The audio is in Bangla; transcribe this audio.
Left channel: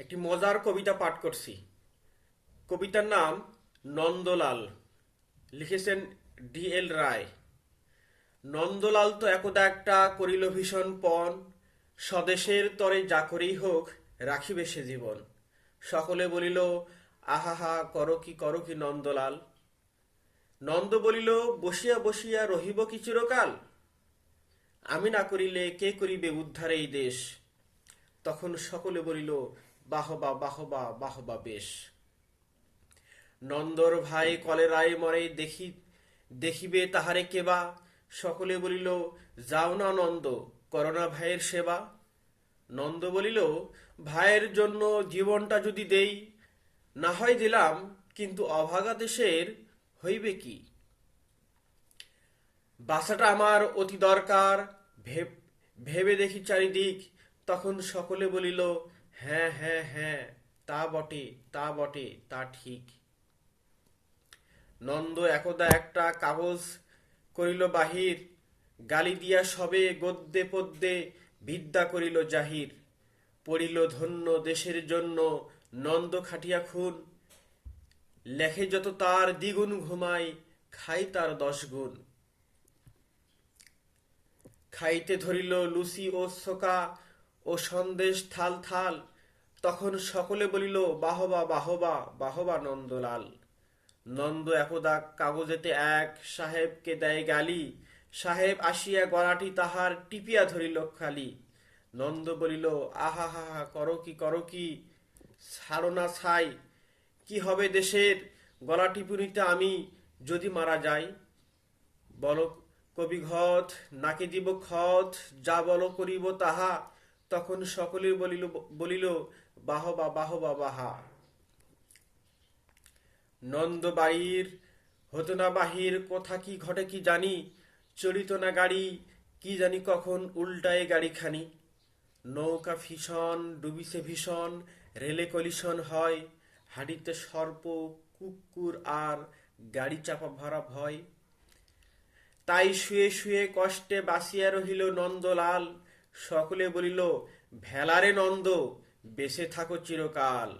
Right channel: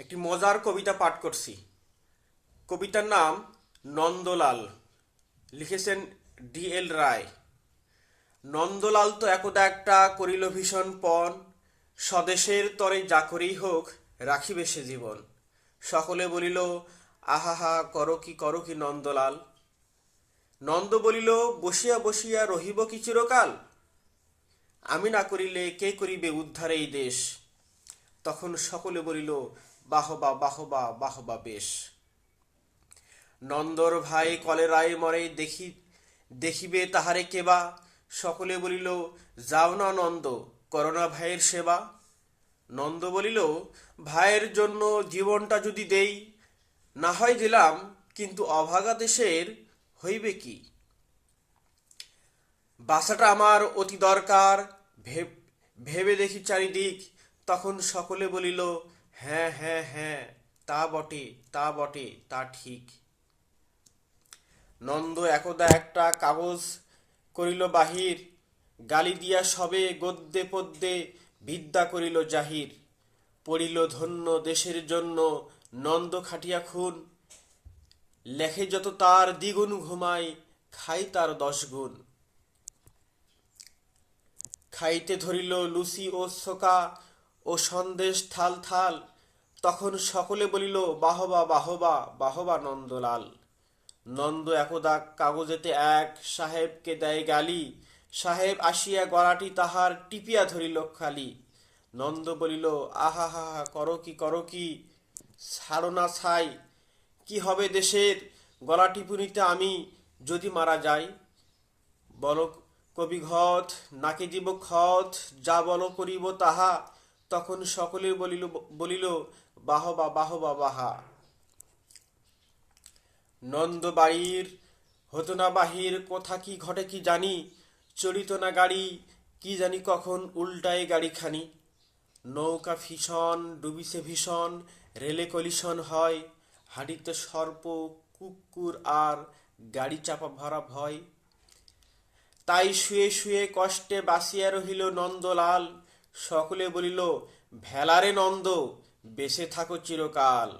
একটি মজার কবিতা পাঠ করছি। কবিতার নাম নন্দলাল। লিখেছেন D.L. রায়। নন্দলাল তো একদা একটা করিল ভীষণ পণ, স্বদেশের তরে যা করেই হোক রাখিবে সে জীবন। সকলে বলিল, আহাহা করো কি নন্দলাল। নন্দ বলিল, বসিয়া বসিয়া রহিব কি চিরকাল। আমি না করিলে কে করিবে উদ্ধার এই দেশ। তখন সকলে বলিল, বাহবা বাহবা বাহবা বেশ। নন্দর ভাই কলেরায় মরে দেখিবে তাহারে কেবা। সকলে বলিল, যাও না নন্দ, করোনা ভাইয়ের সেবা। নন্দ বলিল, ভাইয়ের জন্য জীবনটা যদি দেই, না হয় দিলাম, কিন্তু অভাগা দেশের হইবে কি। বাসাটা আমার অতি দরকার, ভেবে দেখি চারিদিক। তখন সকলে বলিল, হ্যাঁ হ্যাঁ হ্যাঁ, তা বটে তা বটে তা ঠিক। নন্দ একদা একটা কাগজ করিল বাহির, গালি দিয়া সবে গদ্যে পদ্যে বিদ্যা করিল জাহির। পড়িল ধন্য দেশের জন্য নন্দ খাটিয়া খুন, লেখে যত তার দ্বিগুণ ঘুমায়, খাই তার 10 গুণ। খাইতে ধরিল লুচি ও ছোকা ও সন্দেশ থাল থাল। তখন সকলে বলিল, বাহবা বাহবা বাহবা নন্দলাল। নন্দ একদা কাগজেতে এক সাহেবকে দেয় গালি, সাহেব আসিয়া গলাটি তাহার টিপিয়া ধরিল খালি। নন্দ বলিল, আহা হা হা করো কি ছাড়ো না ছাই। কি হবে দেশের গলা টিপুনিতে আমি যদি মারা যাই। বল কবি ঘট, নাকে দিব খত, যা বল করিব তাহা। তখন সকলে বলিল বাহবা বাহবা বাহা। নন্দ বাড়ির হতো না বাহির, কোথা কি ঘটে কি জানি। চলিত না গাড়ি, কি জানি কখন উল্টায় গাড়িখানি। নৌকা ভীষণ ডুবিছে ভীষণ, রেলে কলিশন হয়। হাড়িতে সর্প কুকুর আর গাড়ি চাপা ভরা ভয়। তাই শুয়ে শুয়ে কষ্টে বাঁচিয়া রহিল নন্দলাল। সকলে বলিল, ভেলারে নন্দ, বেঁচে থাকো চিরকাল।